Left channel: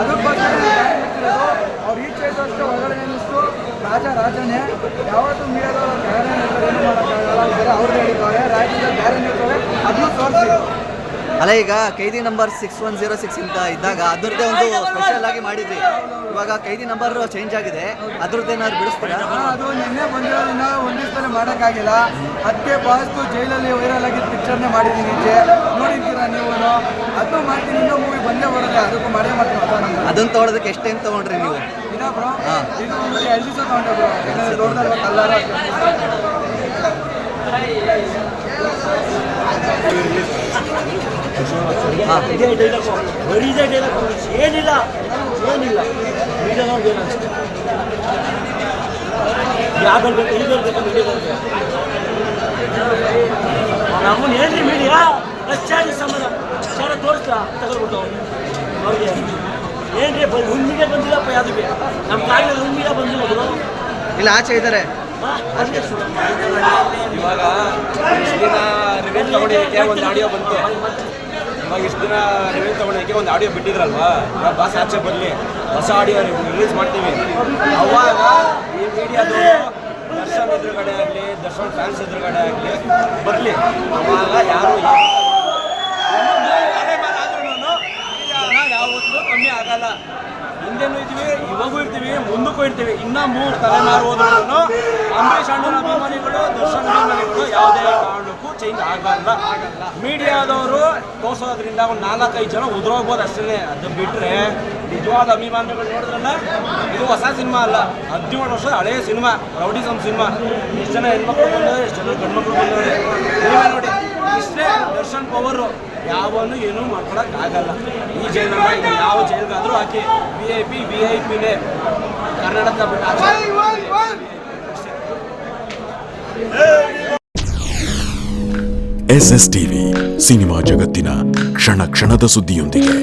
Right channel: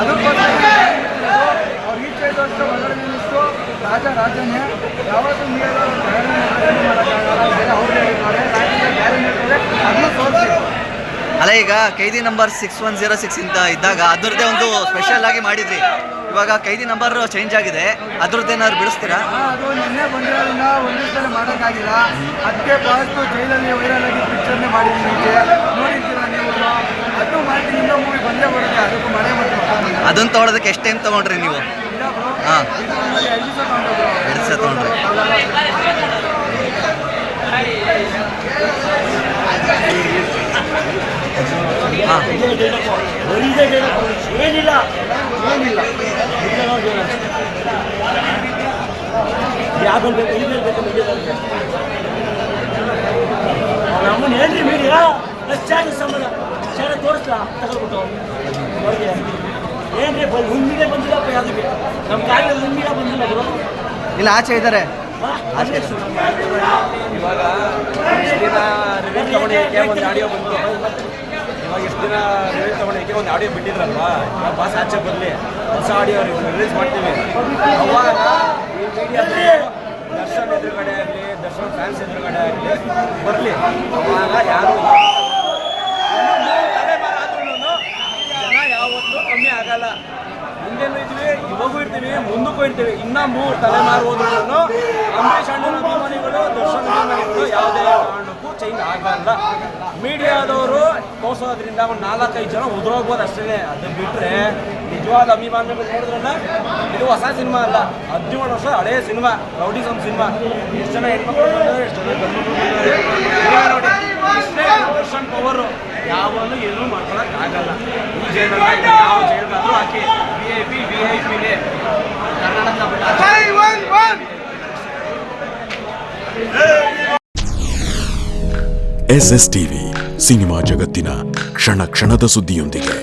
ಅದಕ್ಕೋಸ್ಕರ ಅವ್ರು ಈಚೆ ಇದ್ದಷ್ಟು ಹೊರಗಡೆ ನಿಂತು ರಾಜನೇ ಯಾವತ್ತೂ ನೀವೆಲ್ಲ ಮಾಡೋಕ್ಕಾಗಲ್ಲ ಅವ್ರು ಹೇಳಿದ್ದಾರೆ ರಾಜ್ಯದ ಗ್ಯಾರಂಟಿ ಅದನ್ನು ತೋರಿಸಿ. ಅಲ್ಲ, ಈಗ ಕೈದಿ ನಂಬರ್ 6106 ಇಂದ ಇದ್ದಾಗ ಅದರದ್ದೇ ಒಂದು ಸ್ಪೆಷಲ್ ಆಗಿ ಮಾಡಿದ್ರಿ. ಇವಾಗ ಕೈದಿ ನಂಬರ್ ಚೇಂಜ್ ಆಗಿದೆ, ಅದ್ರದ್ದೇನಾದ್ರು ಬಿಡಿಸ್ತೀರಾ? ಅದು ನಿನ್ನೆ ಬಂದಿರೋದನ್ನ ಒಂದಿಷ್ಟಲ್ಲಿ ಮಾಡೋಕ್ಕಾಗಿಲ್ಲ. ಅದೇ ಬಹಳಷ್ಟು ಜೈಲಲ್ಲಿ ವೈರಲ್ ಆಗಿ ಪಿಕ್ಚರ್ನೇ ಮಾಡಿದ್ದೀನಿ, ನೋಡಿರ್ತೀರಾ ನೀವು. ಅದು ಮಾಡ್ತೀನಿ, ಇನ್ನೂ ಮೂವಿ ಬಂದೇ ಬರುತ್ತೆ, ಅದಕ್ಕೂ ಮಾಡೇ ಮಾಡ್ತೀನಿ. ಅದನ್ನ ತೊಗೊಳೋದಕ್ಕೆ ಎಷ್ಟು ಟೈಮ್ ತೊಗೊಂಡ್ರಿ ನೀವು? ಹಾಂ, 2 ದಿವಸ ತೊಗೊಂಡ್ರು. 2 ದಿವಸ ತೊಗೊಂಡ್ರಿ. ಹಾಂ, ಏನಿಲ್ಲ ಯಾವ್ದು ಬೇಕು ಈಗ ಬೇಕು ಮೀಡಿಯಾದವ್ರಿಗೆ. ನಮ್ಮನ್ನು ಏನ್ರಿ ಮೀಡಿಯಾ ಅಷ್ಟಾಗಿ ಸಂಬಂಧ ಚೆನ್ನಾಗಿ ತೋರಿಸ್ತಾ ತಗೊಳ್ಬಿಟ್ಟು ಅವ್ರಿಗೆ ಏನ್ರಿ ಹುಣ್ಣಿಗೆ ಬಂದಿಲ್ಲಪ್ಪ, ಯಾವುದಕ್ಕೆ ನಮ್ಮ ಕಾಡಿನಲ್ಲಿ ಹುಣ್ಣಿಗೆ ಬಂದಿಲ್ಲ ಗುರು. ಇಲ್ಲ, ಆಚೆ ಇದ್ದಾರೆ. ಇವಾಗ ಇಷ್ಟು ದಿನ ರಿವ್ಯೂ ತಗೊಂಡಿದ್ದಕ್ಕೆ ಒಂದು ಆಡಿಯೋ ಬಂತು. ಇವಾಗ ಇಷ್ಟು ದಿನ ರಿವ್ಯೂ ತಗೊಂಡಿದ್ದಕ್ಕೆ ಒಂದು ಆಡಿಯೋ ಬಿಟ್ಟಿದ್ರಲ್ವಾ, ಇವಾಗ ಬಾಸ್ ಆಚೆ ಬರಲಿ, ಹೊಸ ಆಡಿಯೋ ರಿಲೀಸ್ ಮಾಡ್ತೀವಿ. ಅವಾಗ ಈ ಮೀಡಿಯಾದವರು ದರ್ಶನ್ ಎದುರುಗಡೆ ಆಗಲಿ, ದರ್ಶನ್ ಫ್ಯಾನ್ಸ್ ಎದುರುಗಡೆ ಆಗಲಿ ಬರಲಿ. ಅವಾಗ ಯಾರು ತಲೆಮಾರು ಆದ್ರೂ ಜನ ಯಾವತ್ತೂ ಕಮ್ಮಿ ಆಗಲ್ಲ. ಹಿಂದೆನೂ ಇದ್ವಿ, ಇವಾಗೂ ಇರ್ತೀವಿ, ಮುಂದಕ್ಕೂ ಇರ್ತೀವಿ. ಇನ್ನೂ 3 ತಲೆಮಾರು ಹೋದ್ರೂ ಅಂಬರೀಷ್ ಅಣ್ಣನ ಅಭಿಮಾನಿಗಳು, ದರ್ಶನ್ ಅಭಿಮಾನಿಗಳು ಯಾವುದೇ ಕಾರಣಕ್ಕೂ ಚೇಂಜ್ ಆಗಲ್ಲ. ಮೀಡಿಯಾದವರು ತೋರಿಸೋದ್ರಿಂದ ಒಂದು 4-5 ಜನ ಉದುರೋಗ್ಬೋದು ಅಷ್ಟೇ. ಅದು ಬಿಟ್ಟರೆ ನಿಜವಾದ ಅಭಿಮಾನಿಗಳು ನೋಡಿದ್ರಲ್ಲ, ಇದು ಹೊಸ ಸಿನಿಮಾ ಅಲ್ಲ, 17 ವರ್ಷದ ಹಳೆಯ ಸಿನಿಮಾ, ರೌಡಿಸಮ್ ಸಿನಿಮಾ. ಎಷ್ಟು ಜನ ಹೆಣ್ಮಕ್ಳು ಬಂದರೆ, ಎಷ್ಟು ಜನ ಗಂಡ್ಮಕ್ಳು ಬಂದರೆ ನೋಡಿ. ಇಷ್ಟೇ ದರ್ಶನ್ ಪವರು, ಯಾವಲ್ಲೂ ಏನೂ ಮಾಡ್ಕೊಳಕ್ಕೆ ಆಗಲ್ಲ. ಈ ಜೈಲಲ್ಲಿ ಯಾವ ಜೈಲ್ಗಾದರೂ ಹಾಕಿ VIP ಕನ್ನಡದ SSTV ಸಿನಿಮಾ ಜಗತ್ತಿನ ಕ್ಷಣ ಕ್ಷಣದ ಸುದ್ದಿಯೊಂದಿಗೆ.